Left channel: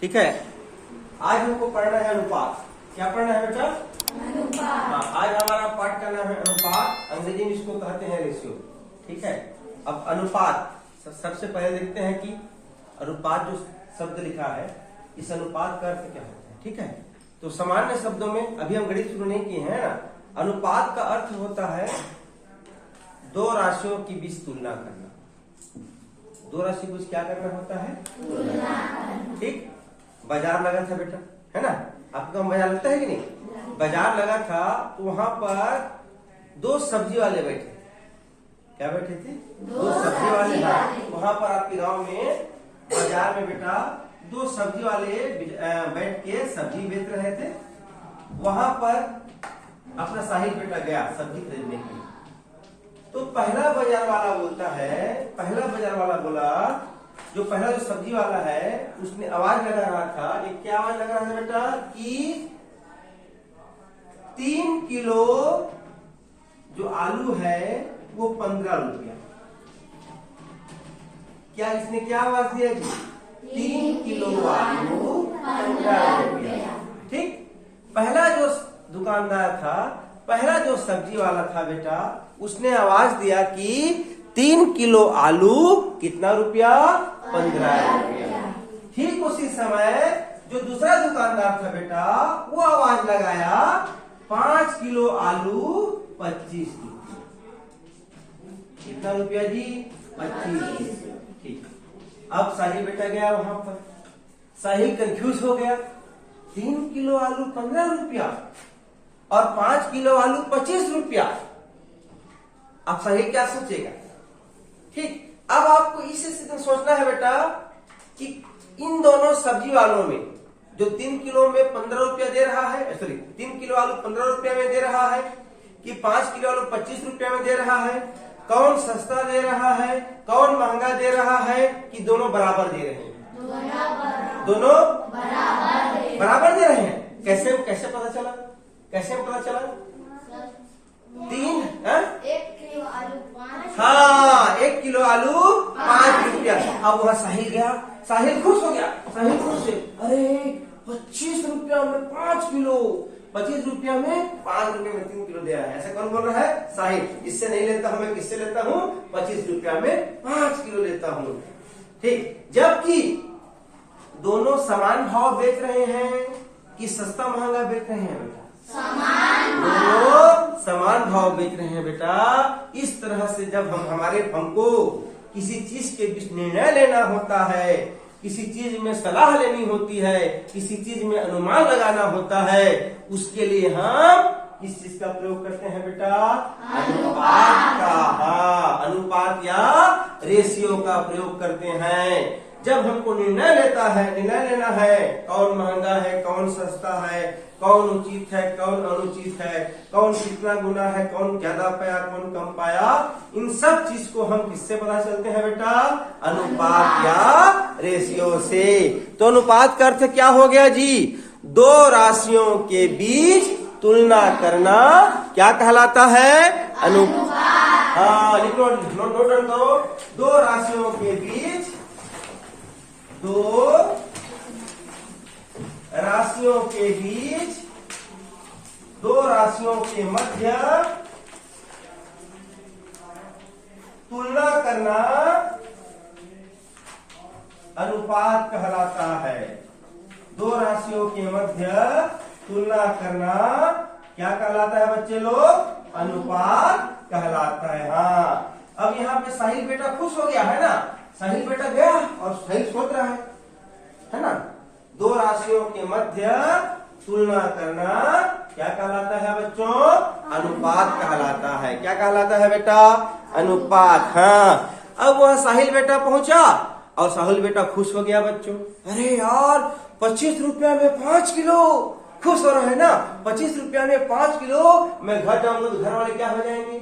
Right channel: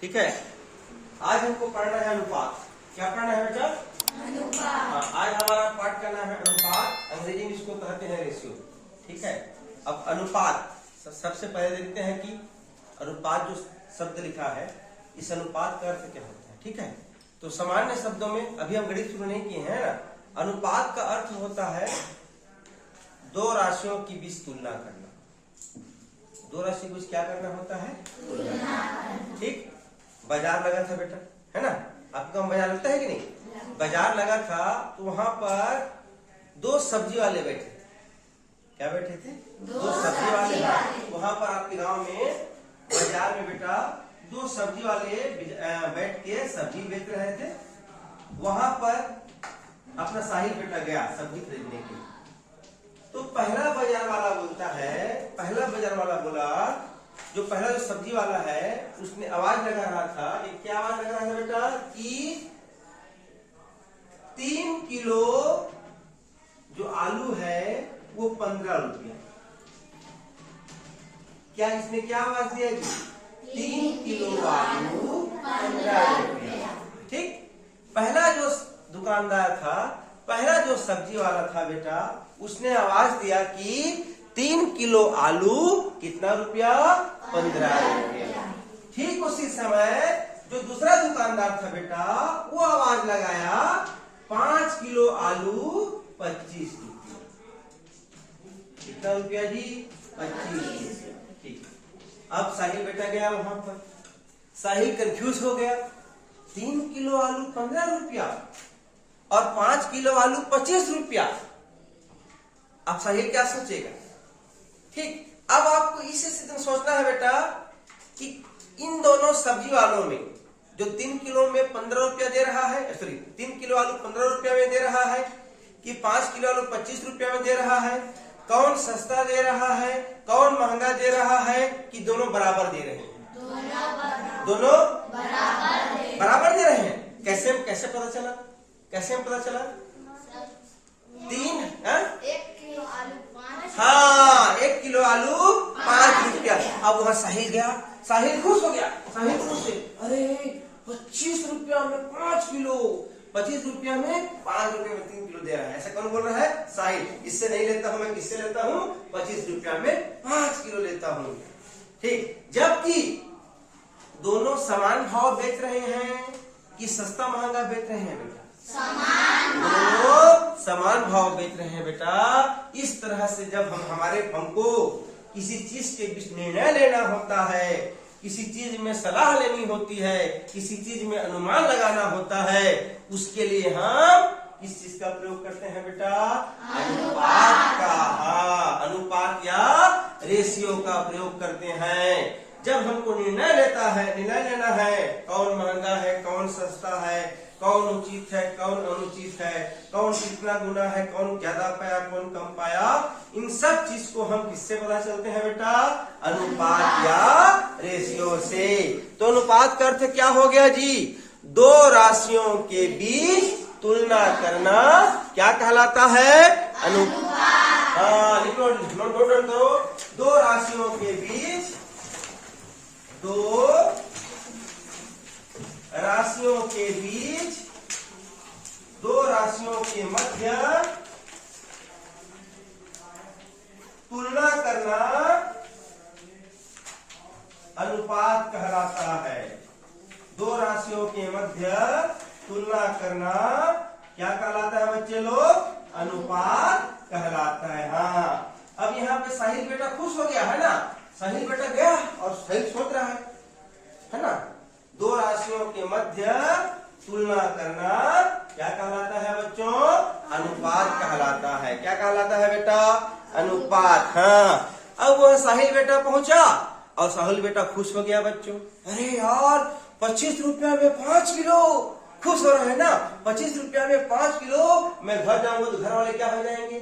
ठीक है। आज हमको पढ़ना है अनुपात। क्या पढ़ना है बेटा? अनुपात। आज हमारा पाठ का नाम है अनुपात, अंग्रेजी में इसको कहते हैं रेशियो। ठीक है। अब अनुपात सबसे पहले देखते हैं कि अनुपात जो शब्द लिखा है, इस अनुपात का अर्थ क्या होता है। ठीक है। तो सामान्य शब्दों में, अभी हम गणित शुरू नहीं किए हैं ना, अनुपात का अर्थ होता है दो राशियों की बीच तुलना करना। दो राशि कुछ क्या करना होता है? ठीक। बाजार लगा था बेटा, है ना? आपका बाजार लगता है कि नहीं? बाजार लगा था तो वहां पर दो सब्जी वाले बैठे। क्या बैठे थे? दो सब्जी वाले। हाँ, वहां पर आपके गांव में बाजार में बेटा दो सब्जी वाले बैठ के सब्जी बेच रहे थे। वहां पर अपना साहिल बेटा गया सब्जी खरीदने के लिए। तो पहला बाजार वाला बोलता है, पहला बाजार वाला बोला, जो पहला जो सब्जी वाला है उसने आवाज लगा रहा था। ये क्या आवाज लगा रहा था बेटा? कि 3 किलो जो आलू है वो 15 रुपया। क्या इसने क्या आवाज दिया जी? 3 किलो आलू 15 रुपया। ठीक। पहला जो दुकानदार था, पहला जो सब्जी वाला था बेटा, उसने आवाज दिया कि 3 किलो आलू कितना रुपया? 15 रुपया। ठीक उसी समय जो दूसरा दुकानदार था बेटा, वो आवाज लगाया 5 किलो आलू 25 रुपया। कितना रुपया जी? 25। ठीक। अब साहिल बेटा गया वहां पर। साहिल कंफ्यूज हो गया, 3 किलो आलू 15 रुपया और 5 किलो आलू 25 रुपया। अब साहिल क्या सोचेगा? ठीक। अब आपको इस स्थिति में सोचना है बेटा कि इन दोनों सब्जी वालों में जो 3 किलो में 15 रुपया दे रहा है, सॉरी 3 किलो आलू 15 रुपया में दे रहा है कि 5 किलो आलू 25 रुपया में दे रहा है, कौन सस्ता दे रहा है, कौन महंगा दे रहा है, कि दोनों बराबर दे रहे हैं? दोनों बराबर दे रहे हैं। कैसे कैसे पता चला? कैसे पता चला? 1 किलो आलू 5 रुपया। अब वहां साहिल गया, साहिल खुश हो गया। साहिल खुश है, अरे 25 रुपया में 5 किलो, 25 रुपया में 5 रुपये में 3 किलो दे रहा है। ऐसा कौन बोल रहा है? साहिल। इससे नहीं लेता हूं मैं, किससे लेता हूं? 25 रुपया में 5 किलो लेता हूं। ठीक। जबकि दोनों समान भाव बेच रहे हैं कि सस्ता महंगा बेच रहे हैं बेटा? दोनों समान भाव बेच रहे हैं बेटा। इस तरह से जब हमको किसी चीज के बीच निर्णय लेना होता है, किसी चीज में सलाह लेनी होती है, किसी चीज में अनुमान लगाना होता है, उसके लिए हम किस चीज का प्रयोग करते हैं बेटा? अनुपात का। हाँ, अनुपात या रेशियो का प्रयोग करते हैं। जब हमको निर्णय लेना है, कौन महंगा है, कौन सस्ता है, कौन उचित है, कौन अनुचित है, कौन कितना गुना है, कौन ज्यादा पाया, कौन कम पाया, इन सब चीज को हम किससे पता चलते हैं बेटा? अनुपात या रेशियो से। तो अनुपात का अर्थ क्या हो गया जी? दो राशियों के बीच तुलना करना क्या कहलाता है? अनुपात। हाँ, लिखो, नोट डाउन करो। दो राशियों के बीच, दो राशियों के बीच, दो राशियों के मध्य तुलना करना अनुपात कहलाता है। दो राशियों के मध्य तुलना करना क्या कहलाता है बच्चे लोग? अनुपात कहलाता है। हाँ। अब यहाँ पे साहिल बेटा खुश हो गया है ना? साहिल बेटा गया और साहिल सोच रहा है ना? दो राशियों के मध्य तुलना करना क्या कहलाता है बच्चों? अनुपात कहलाता है। क्या कहलाता है बेटा? अनुपात। हाँ। अब वह साहिल बेटा पहुंचा और साहिल बेटा खुश हो गया बच्चों। अरे यार 25 रुपया में 5 किलो। खुश हो रहे हैं ना? 25 रुपया में 5 किलो। मैं घर जाऊंगा तो घर वाले क्या हो जाएंगे?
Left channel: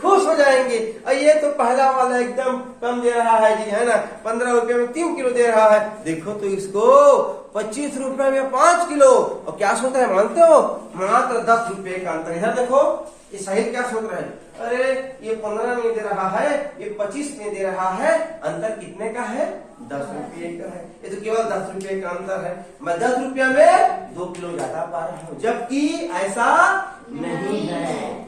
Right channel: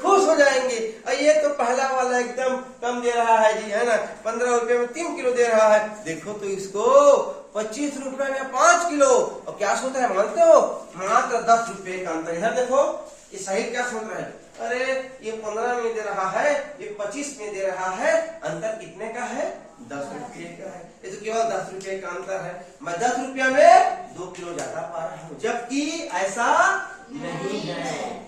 खुश हो जाएंगे। और ये तो पहला वाला एकदम कम दे रहा है जी, है ना? 15 रुपए में 3 किलो दे रहा है। देखो तो इसको 25 रुपए में 5 किलो। और क्या सोच रहे हैं मानते हो? मात्र 10 रुपए का अंतर। इधर देखो, ये सही क्या सोच रहा है? अरे ये 15 में दे रहा है, ये 25 में दे रहा है, अंतर कितने का है? 10 रुपये का है। ये तो केवल 10 रुपये का अंतर है। मैं 10 रुपया में 2 किलो ज्यादा पा रहा हूँ, जबकि ऐसा नहीं है।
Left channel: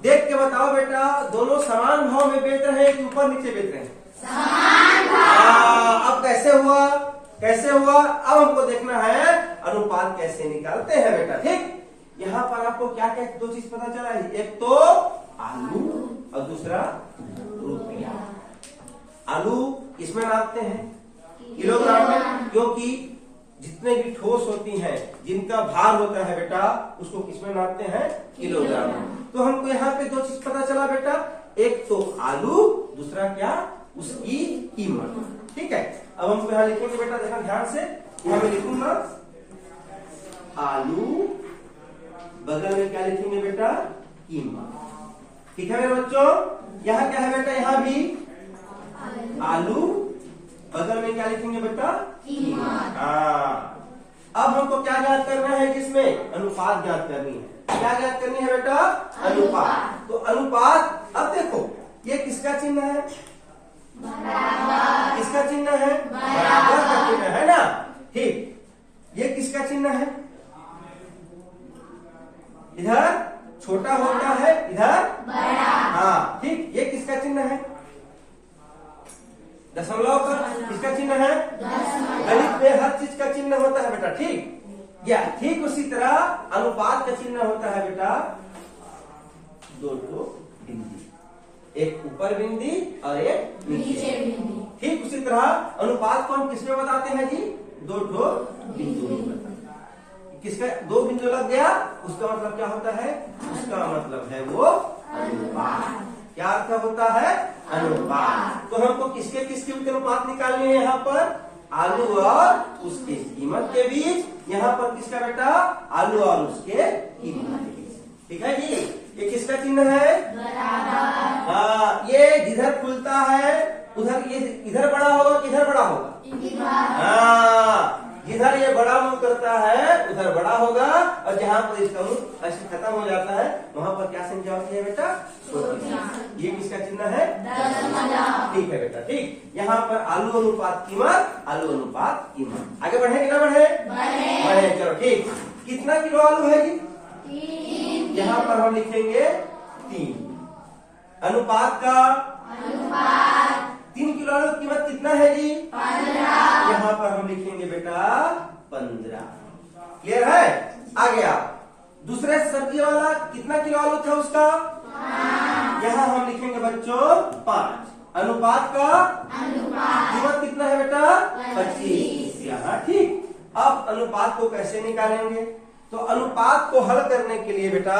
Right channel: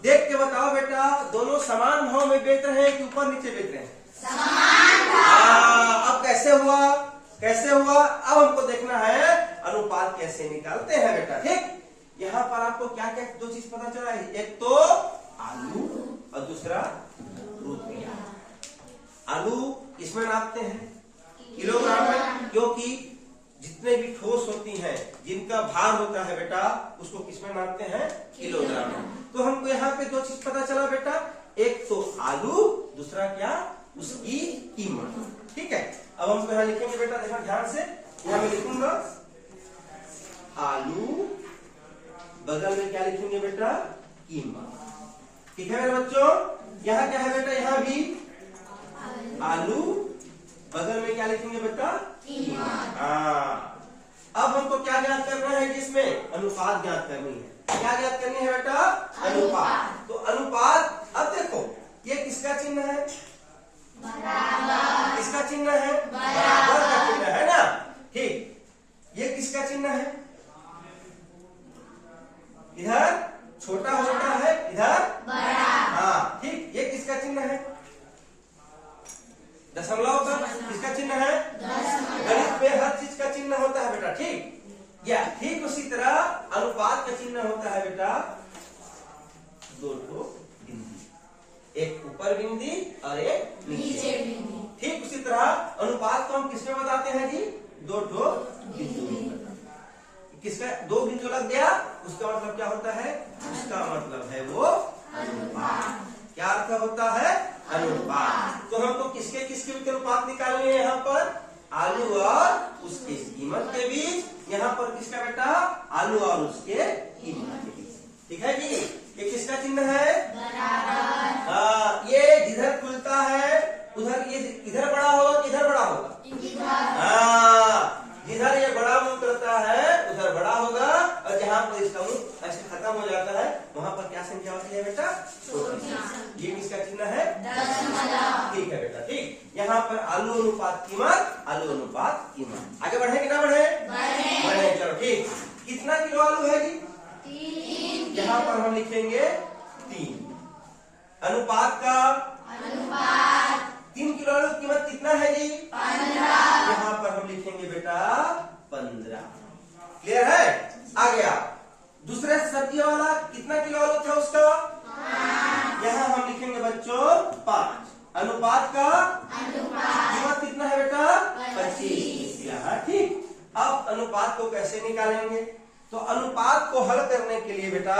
देख के बताओ बेटा, दोनों समान भाव में बेच रहे हैं कि ऊपर नीचे बेच रहे हैं? समान भाव। अब कैसे हुआ? कैसे हुआ? अब हमको देखना है अनुपात कैसे निकालते हैं बेटा। ठीक, यहाँ पर आपको क्या क्या 2 चीज पता चला है। एक तो आलू और दूसरा रुपया। आलू इसमें नापते हैं किलोग्राम में, क्योंकि जितने भी ठोस होती हैं जिनका भार होता है बेटा, उसको किसमें नापते हैं? किलोग्राम में। तो हमको यहाँ पे 2 चीज पता चला बेटा, एक तो आलू, दूसरा क्या? उसकी कीमत। ठीक है, अब हमको यहाँ लिखेंगे बेटा, देखना ध्यान से। यहाँ मैं लिखूंगा आलू, बगल में क्या लिखेंगे बेटा? कीमत। ठीक है मेरे बच्चों, यहाँ क्या है बेटा? यहाँ भी आलू, बगल में क्या लिखेंगे बेटा? कीमत। अब हमको क्या ज्ञात करना है? जिसमें अनुपात ज्ञात करनी है। क्या ज्ञात करनी है बेटा? अनुपात। तो अनुपात, अब देखो ये किसका चिन्ह है? बराबर। किसका चिन्ह है? बराबर का चिन्ह है ना। ठीक, ये किसका चिन्ह है? इधर छोटा होता है, इधर बड़ा। हाँ ठीक, ये किसका चिन्ह है? दशमलव का किसका चिन्ह है? गणित में हर चीज का चिन्ह होता है बेटा। ठीक, या ठीक उसी तरह अनुपात का चिन्ह होता है बेटा 2 बिंदी, एक ऊपर बिंदी और एक नीचे बिंदी। ठीक उसी तरह अनुपात को हम किसमें बताते हैं जी? 2 बिंदु। किसका 2 बिंदु लग गया, उसका मतलब क्या होता है? उसका मतलब है वो अनुपात। क्या अर्थ होता है? अनुपात। तो हमको किसके किसके अनुपात निकालनी है? यहाँ पर आलू और उसके कीमत के बीच, यहाँ पर किसका बेटा? आलू और उसके कीमत के बीच। ठीक है जी, ये किसका चिन्ह है? बराबर। हाँ, ये जिधर खुलता है उधर ये इधर बड़ा होगा कि इधर बड़ा होगा? हाँ, जिधर ये बड़ा मुंह करता है उधर बड़ा होगा, और जहाँ पर इसका मुंह ऐसे खत्म हो जाता है वहाँ पर क्या संख्या होती है बेटा? छोटी। ये किसका चिन्ह है? दशमलव। ठीक है बेटा। ठीक, यहाँ पर आलू अनुपात कीमत, आलू अनुपात कीमत। आगे बढ़े कि ना बढ़े? बढ़े। चलो ठीक, कितना किलो आलू है जी? 3। यहाँ पर हम लिखेंगे 3। अनुपात का 3 किलो आलू कीमत कितना है जी? 15। यहाँ पर हम लिखेंगे बेटा 15। क्लियर है? आ गया। दूसरे सब्जी वाला कितना किलो आलू था उसका? 5। यहाँ हम लिखेंगे बच्चों 5। अनुपात का कीमत कितना है बेटा? 25। यहाँ ठीक। अब अनुपात को कैसे निकालेंगे? तो अनुपात को हल करने के लिए बेटा,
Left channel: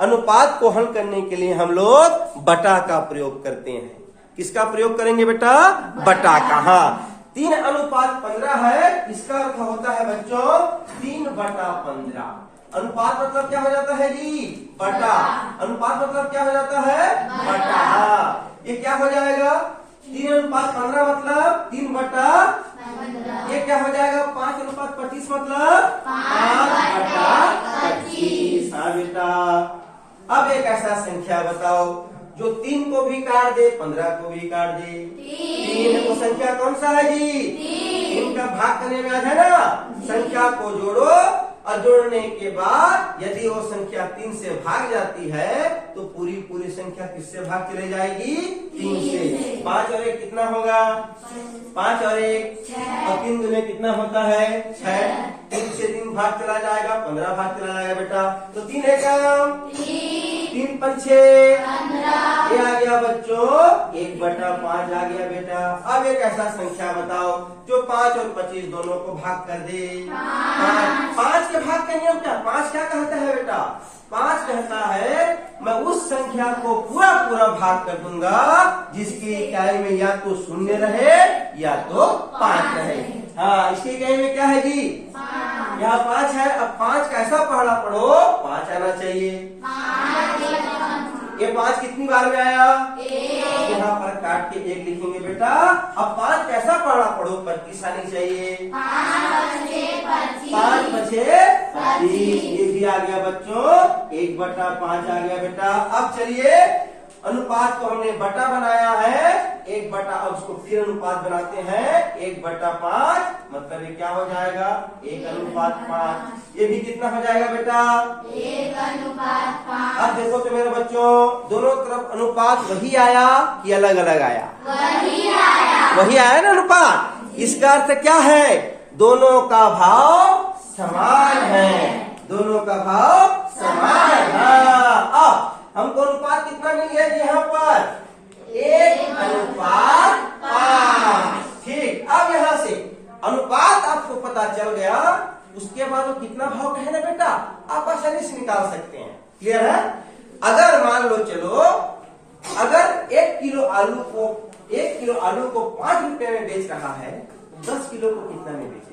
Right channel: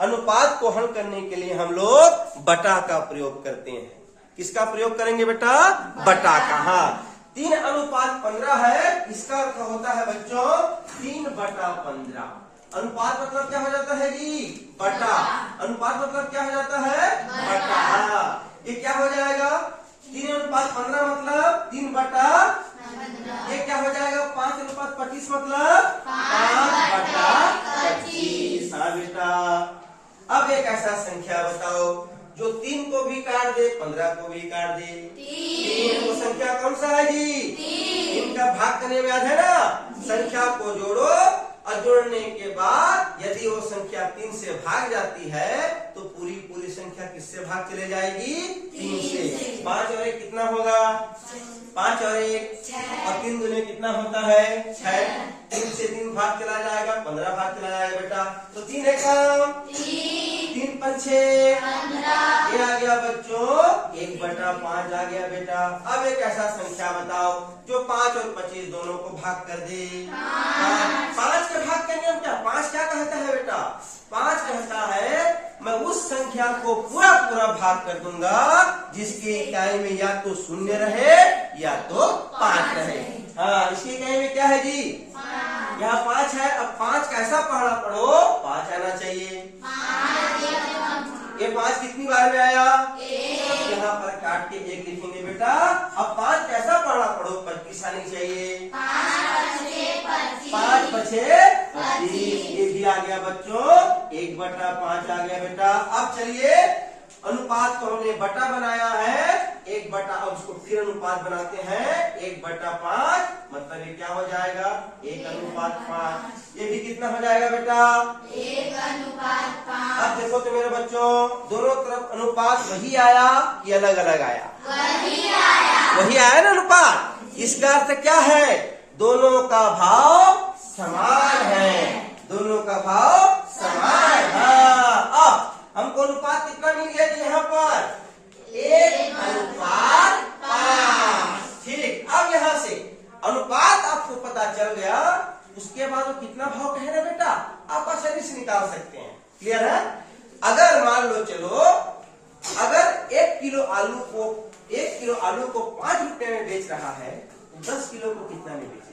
अनुपात को हल करने के लिए हम लोग बटा का प्रयोग करते हैं। किसका प्रयोग करेंगे बेटा? बटा का। हाँ, 3 अनुपात 15 है, इसका अर्थ होता है बच्चों 3/15। अनुपात मतलब क्या हो जाता है जी? बटा। अनुपात मतलब क्या हो जाता है? बटा। हाँ, ये क्या हो जाएगा? 3 अनुपात 15 मतलब 3/15। ये क्या हो जाएगा? 5 अनुपात 25 मतलब 5/25। हाँ बेटा, अब एक ऐसा संख्या बताओ जो 3 को भी काट दे, 15 को भी काट दे। 3 वो संख्या कौन सा है जी? 3 का भाग करने में याद है ना? संख्या को जोड़ो और जोड़ने के बाद यदि वो संख्या 3 से भाग जाती है तो पूरी संख्या किससे भाग चले जाएगी? 3 से। 5 और 1 कितना होगा? 5 और 1 और 3 दूने कितना होता है? 6। 3 से 3 भाग चला जाएगा, 15 भाग चला जाएगा बेटा। तो 3 है कम, 3 5 6 ये आ गया बच्चों 1/5 आ गया बेटा। अब एक ऐसा संख्या बताओ जो 5 और 25 दोनों को भाग कर दे। 5 के भाग का नियम क्या? 5 क्या कहता है बेटा? 5 कहता है मैं उस संख्या को पूरा भाग कर दूंगा जिसकी इकाई में या तो 0 रहे या तो 5 रहे। हाँ, इसकी इकाई में क्या है जी? यहाँ 5 है। अब 5 कैसा पढ़ा पढ़ो? 5 आना चाहिए। ये 5 कितनी बार में आया? यहाँ पर काट के 1 लिखेंगे बेटा। अब 5 कैसा पढ़ा पढ़ो? 25 आनी चाहिए। 5 5 25। ये भी आ गया बच्चों 1/5 आ गया बेटा। अब चलिए अनुपात को हमने बटा बनाया है 1 बटा, अब उसको फिर अनुपात बनाते हैं 1/5, मतलब ये क्या हो जाएगा 1:5। ये भी कितना हो जाएगा बेटा 1:5। अब देखो तो मेरे बच्चों, दोनों तरफ अनुपात वही आया कि अलग अलग आया? वही आया ना अनुपात। इसका अर्थ क्या है? दोनों का भाव समान है, दोनों का भाव समान है। अब हमको अनुपात कितना मिल गया जी यहाँ पर 1:5। ठीक, अब यहाँ से अनुपात आपको पता चल गया, उसके बाद वो कितना भाव कहे ना बेटा आप आसानी से निकाल सकते हैं। क्लियर है? अगर मान लो चलो, अगर 1 किलो आलू को 5 रुपए में बेच रहा है तो 10 किलो को कितना में बेचेगा?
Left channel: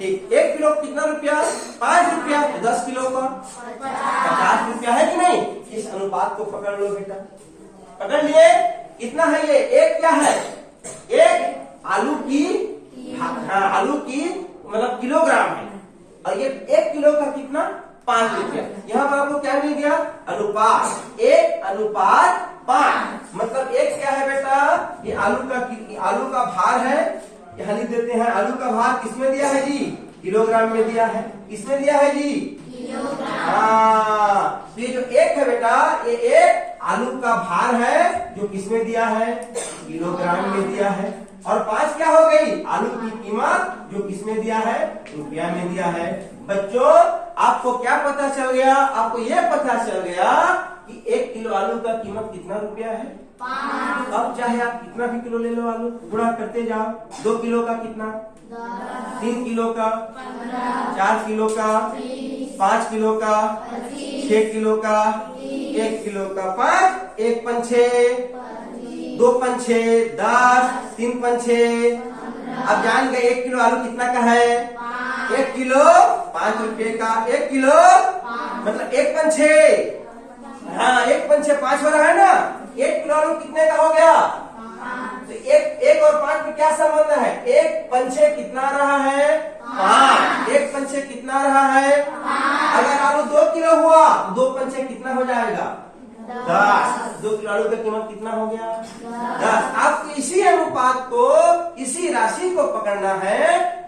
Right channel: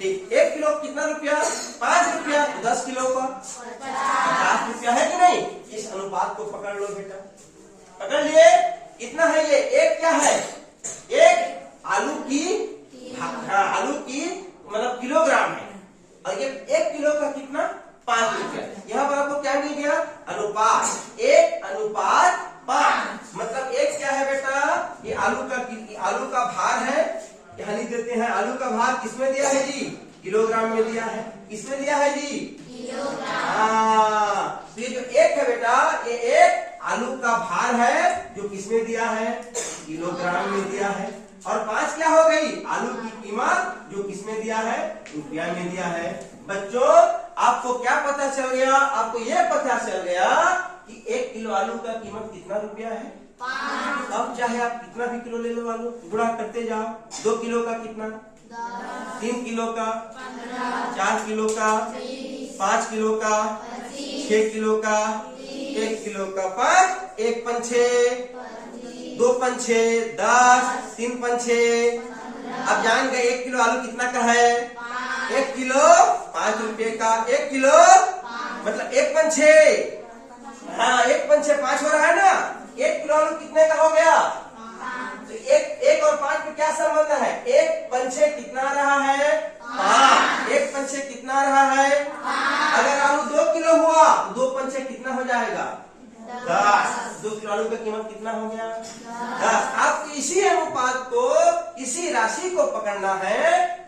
ठीक, 1 किलो कितना रुपया 5 रुपया, तो 10 किलो का 50 रुपया है कि नहीं? इस अनुपात को पकड़ लो बेटा, पकड़ लिए। कितना है ये? एक क्या है? एक आलू की, हाँ आलू की मतलब किलोग्राम है, और ये 1 किलो का कितना 5 रुपया। यहाँ पर आपको क्या मिल गया? अनुपात 1:5। मतलब एक क्या है बेटा? ये आलू का भार है, यहाँ लिख देते हैं। आलू का भार किसमें दिया है जी? किलोग्राम में दिया है। किसमें दिया है जी? हाँ, तो ये जो 1 है बेटा, ये 1 आलू का भार है जो किसमें दिया है? किलोग्राम में दिया है। और 5 क्या हो गई? आलू की कीमत जो किसमें दिया है? रुपया में दिया है। बच्चों आपको क्या पता चल गया? आपको ये पता चल गया कि 1 किलो आलू का कीमत कितना रुपया है? 5। अब चाहे आप कितना भी किलो ले लो आलू, गुणा करते जाओ। 2 किलो का कितना? 3 किलो का 4 किलो का 5 किलो का 6 किलो का 1 किलो का 5, 1 पंछे 2 पंछे 10, 3 पंछे। अब जान गए 1 किलो आलू कितना का है? 1 किलो 5 रुपए का। 1 किलो मतलब 1 पंछे, हाँ 1 पंछे 5 हो रहा है ना। 1 किलो आलू कितने का हो गया? तो 1 और 5 में क्या संबंध है? 1 पंछे कितना रहा है? 5। 1 पंछे कितना रहा है? अगर आलू 2 किलो हुआ तो 2 पंछे कितना हो जाएगा? 10। 2 किलो आलू का कीमत कितना हो गया? 10। आपको इसी अनुपात को, इसी राशि को पकड़ना है।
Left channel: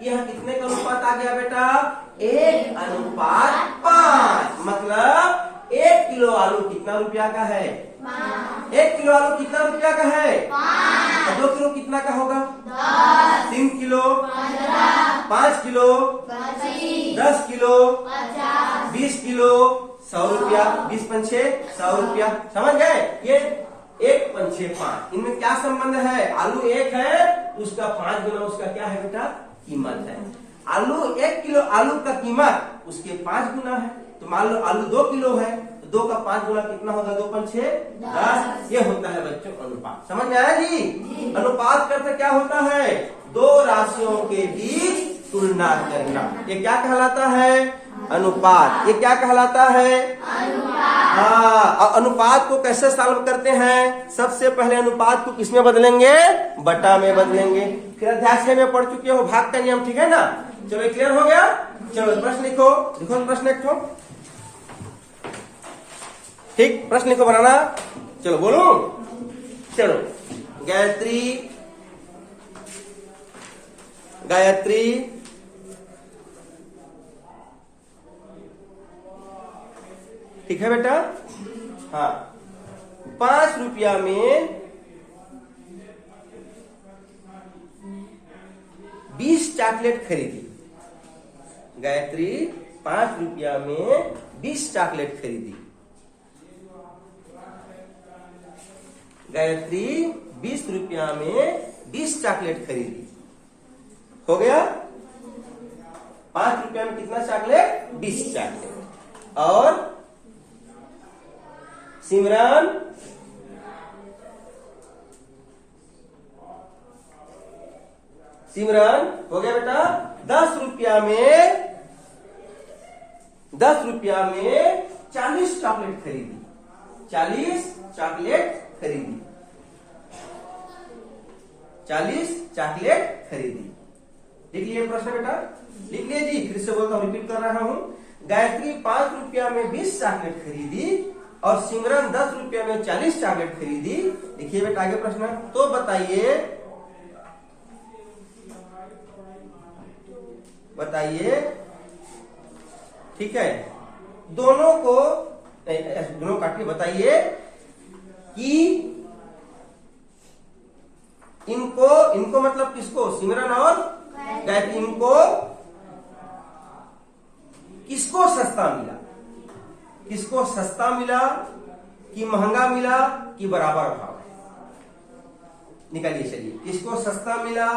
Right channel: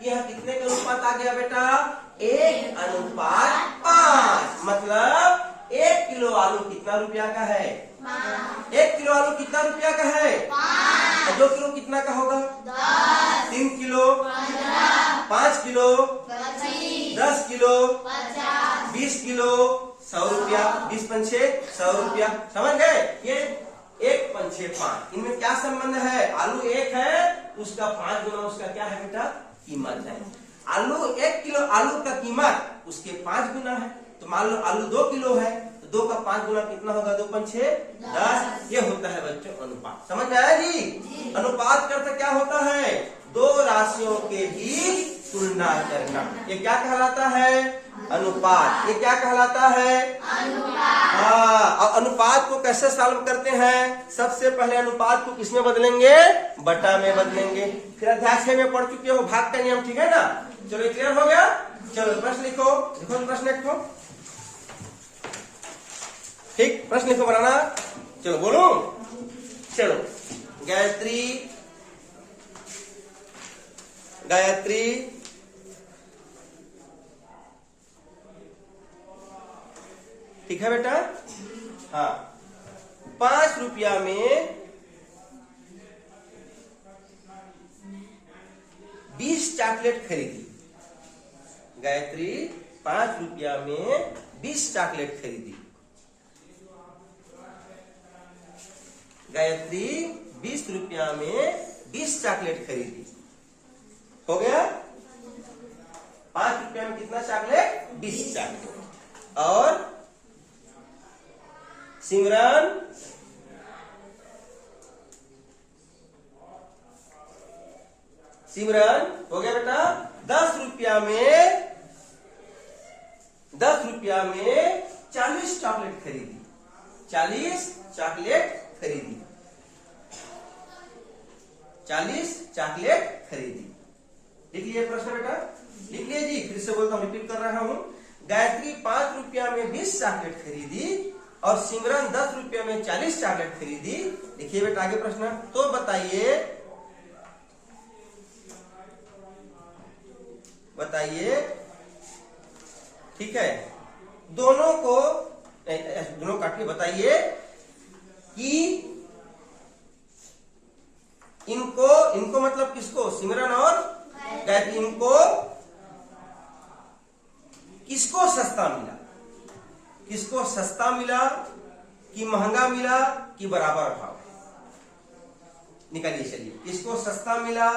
यह कितने का अनुपात आ गया बेटा? 1:5। मतलब 1 किलो आलू कितना रुपया का है? 1 किलो आलू कितना रुपया का है? 5। 2 किलो कितना का होगा? 10। 3 किलो 5 किलो 10 किलो 20 किलो 100 रुपया। 20 पंछे 100 रुपया। समझ गए? ये 1 पंछे 5, इनमें क्या संबंध है? आलू 1 है, उसका 5 गुना उसका क्या है बेटा? कीमत है। आलू 1 किलो आलू का कीमत उसके 5 गुना है। तो मान लो आलू 2 किलो है, तो 2 का 5 गुना कितना होगा? 2 पंछे 10। ये होता है बच्चों अनुपात। समझ में आया जी? अनुपात का अर्थ क्या होता है? दो राशियों के बीच तुलना करना। ये क्या कहलाता है? अनुपात। ये क्या कहलाता है? अनुपात। हाँ, और अनुपात को कैसे सॉल्व करते हैं? सबसे पहले अनुपात को किसमें बदलेंगे? बटा में बदलेंगे। फिर अध्याय में पढ़ चुके हो भाग का नियम, ठीक है ना? चलो क्लियर हो गया? चलो प्रश्न लिखो। लिखो प्रश्न लिखो। ठीक, प्रश्न लिखो बनाना। चलो बोलो। चलो गायत्री ठीक है बेटा? हाँ, 5 रुपया में 20 चॉकलेट खरीदी। गायत्री 5 रुपया में 20 चॉकलेट खरीदी। गायत्री 20 रुपया में 20 चॉकलेट खरीदी। हो गया? 5 रुपया में कितना चॉकलेट? 20 चॉकलेट। और सिमरन हो गया बेटा? 10 रुपया में 40 चॉकलेट खरीदी। 40 चॉकलेट खरीदी। 40 चॉकलेट खरीदी। लिख लिए प्रश्न बेटा? लिख लिए जी। फिर से बोलता हूँ, रिपीट कर रहा हूँ। गायत्री 5 रुपया में 20 चॉकलेट खरीदी और सिमरन 10 रुपये में 40 चॉकलेट खरीदी। देखिए बेटा आगे प्रश्न, तो बताइए ठीक है, दोनों काटिए, बताइए कि इनको मतलब किसको, सिमरन और गायत्री, इनको किसको सस्ता मिला कि महंगा मिला कि बराबर भाव है? निकालिए चलिए, किसको सस्ता मिला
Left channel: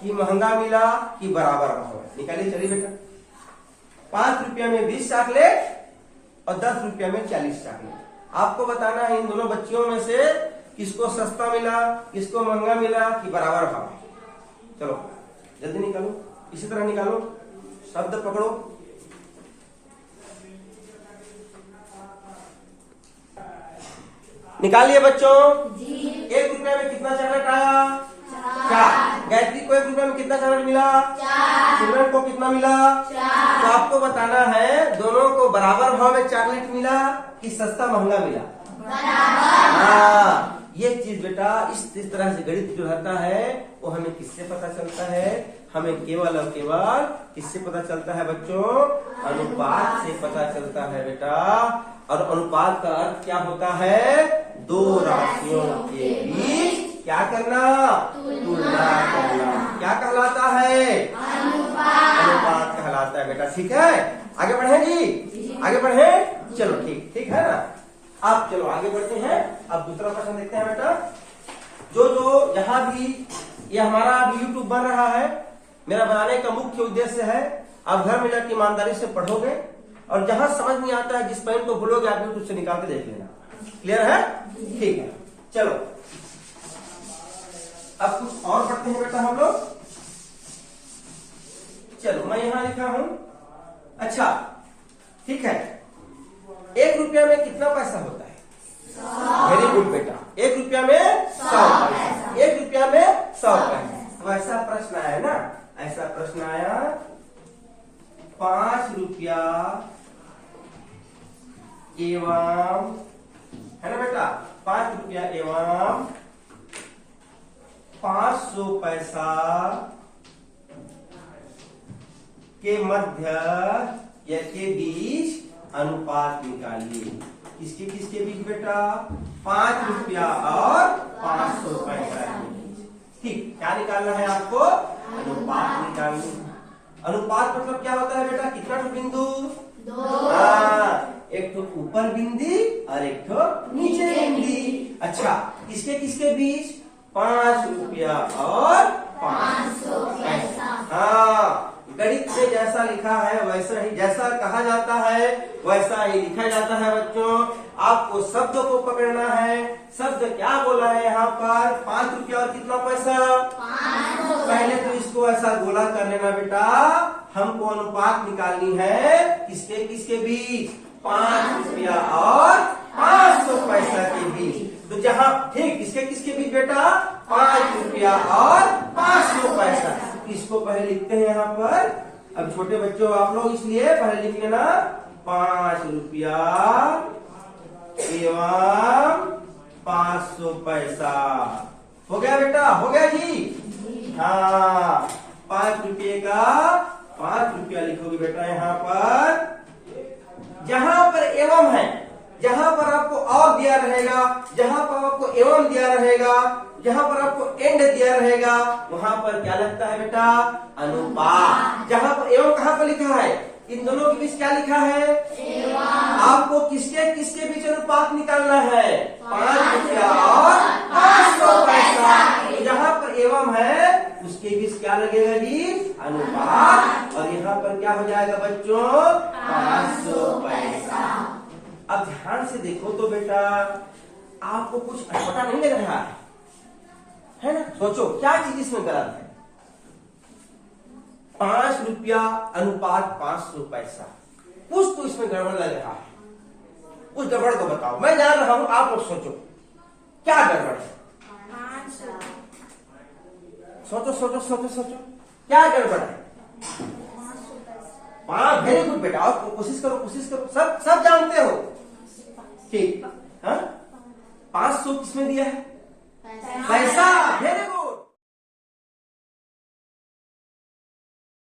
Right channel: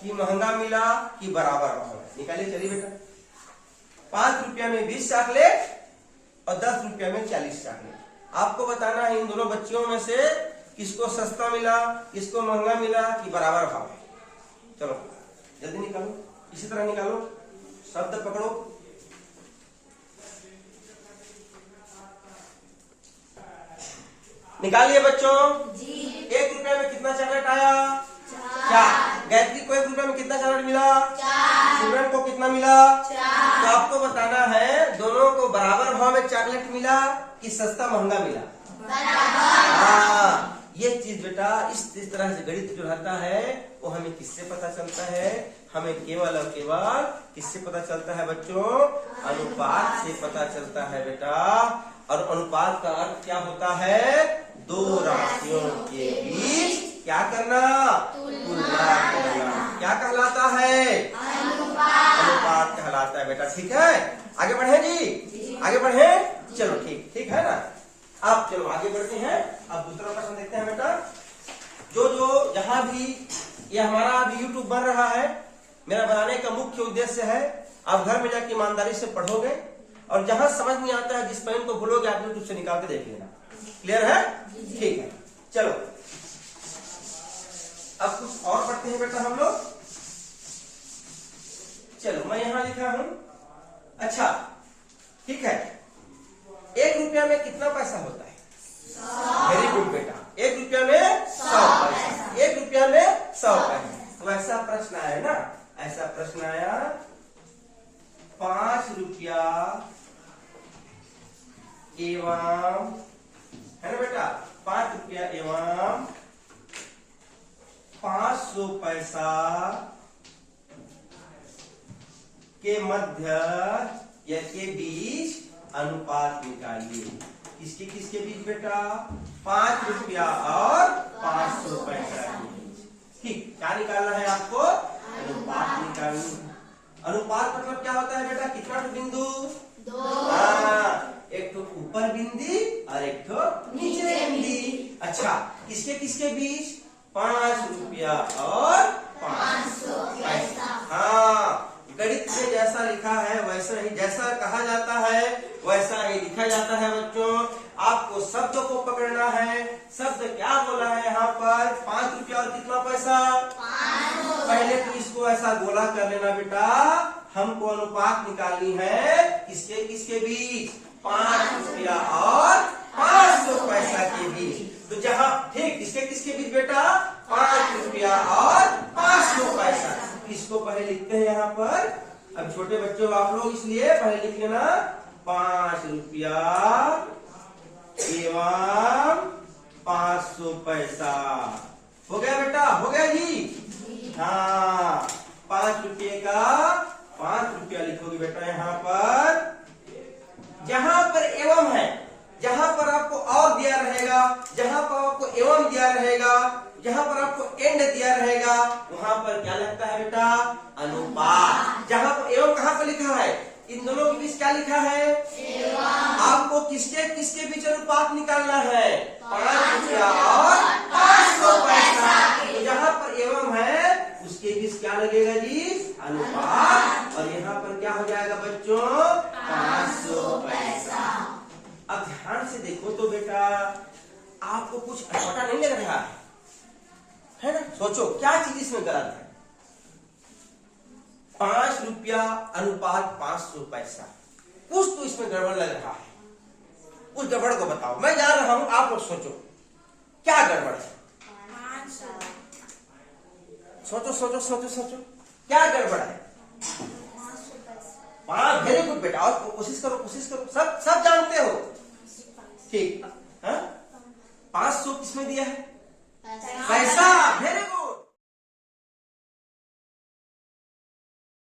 कि महंगा मिला कि बराबर भाव है? निकालिए चलिए बेटा। 5 रुपया में 20 चॉकलेट और 10 रुपया में 40 चॉकलेट। आपको बताना है इन दोनों बच्चियों में से किसको सस्ता मिला, किसको महंगा मिला कि बराबर भाव है। चलो जल्दी निकालो, इसी तरह निकालो, शब्द पकड़ो। निकालिए बच्चों। 1 रुपया में कितना चॉकलेट आया? 4। गायत्री को 1 रुपया में कितना चॉकलेट मिला? 4। सिमरन को कितना मिला? 4। तो आपको बताना है दोनों को बराबर भाव में चॉकलेट मिला कि सस्ता महंगा मिला? बराबर। हाँ, ये चीज बेटा इस तरह से गणित जो रहता है वो हमें किससे पता चलता है? हमें केवल और केवल किससे पता चलता है बच्चों? अनुपात से पता चलता है बेटा। और अनुपात का अर्थ क्या होता है? दो राशियों के बीच क्या करना? तुलना करना। क्या कहलाता है? अनुपात कहलाता है बेटा। ठीक है, आगे बढ़े जी, आगे बढ़े। चलो ठीक है ना। अब चलो आगे बढ़ते हैं। अब दूसरा प्रश्न देखते हैं बेटा। जो जहां भी ये हमारा अभी यूट्यूब बन रहा है, मेरा बनाने का मुख्य उद्देश्य है आप घर में जाकर ईमानदारी से पढ़ोगे और जहां समझ नहीं आता है जिस पॉइंट को भूलोगे आप यूट्यूब से निकाल के देख लेना। क्लियर है? ठीक है, चलो अब कुछ और पढ़ते हैं बेटा हम लोग। चलो मैं यहां लिखा हूं। अच्छा ठीक है, 1 रुपया में कितना पैसा होता है? वेरी गुड बेटा, 1 रुपया में 100 पैसा। 1 रुपया में 100 पैसा। तो ऐसा प्रश्न आया ना, ऐसा प्रश्न आया 5 रुपया एवं, है ना बेटा, 5 रुपया एवं 500 पैसा के मध्य या के बीच अनुपात निकालिए। किसके बीच बेटा? 5 रुपया और 500 पैसा के बीच। ठीक, क्या निकालना है आपको? अनुपात निकालना। अनुपात मतलब क्या होता है बेटा? कितना बिंदु? 2। एक तो ऊपर बिंदी और एक तो नीचे बिंदी। अच्छा, किसके बीच? 5 रुपया और 500 पैसा। हाँ, गणित में जैसा लिखा है वैसा ही, जैसा कहा जाता है वैसा ही लिखा जाता है बच्चों। आपको शब्द को पकड़ना है। शब्द क्या बोला है यहाँ पर? 5 रुपया और कितना पैसा? 500। पहले तो इसको ऐसा गोला कर लेना बेटा। हमको अनुपात निकालनी है किसके बीच? 5 रुपया और 500 पैसा के बीच। तो जहाँ ठीक किसके बीच बेटा? 5 रुपया और 500 पैसा। इसको पहले लिखते हैं यहाँ पर। अब छोटे बच्चों आप लोग, इसलिए पहले लिख लेना 5 रुपया एवं 500 पैसा। हो गया बेटा? हो गया जी? हाँ, 5 रुपये का 5 रुपया लिखोगे बेटा यहाँ पर। जहां पर एवं है, जहां पर आपको और दिया रहेगा, जहां पर आपको एवं दिया रहेगा, जहां पर आपको एंड दिया रहेगा, वहां पर क्या लगता है बेटा? अनुपात। जहां पर एवं कहां पर लिखा है? इन दोनों के बीच क्या लिखा है? आपको किसके बीच अनुपात निकालना है? 5 रुपया और 500 पैसा। जहां पर एवं है उसके बीच क्या लगेगा जी? अनुपात। और यहाँ पर क्या हो जाएगा बच्चों? 500 पैसा। अब ध्यान से देखो तो बेटा, आपको कुछ पता नहीं लग रहा है ना? सोचो क्या चीज इसमें गलत है? 5 रुपया अनुपात 500 पैसा, कुछ तो इसमें गड़बड़ लग रहा है। उस गड़बड़ को बताओ, मैं जान रहा हूं, आप लोग सोचो क्या गड़बड़ है? सोचो क्या गड़बड़ है? 5। वेरी गुड बेटा, और कोशिश करो, सब जानते हो। ठीक, हाँ 500 किसमें दिया है? पैसा। वेरी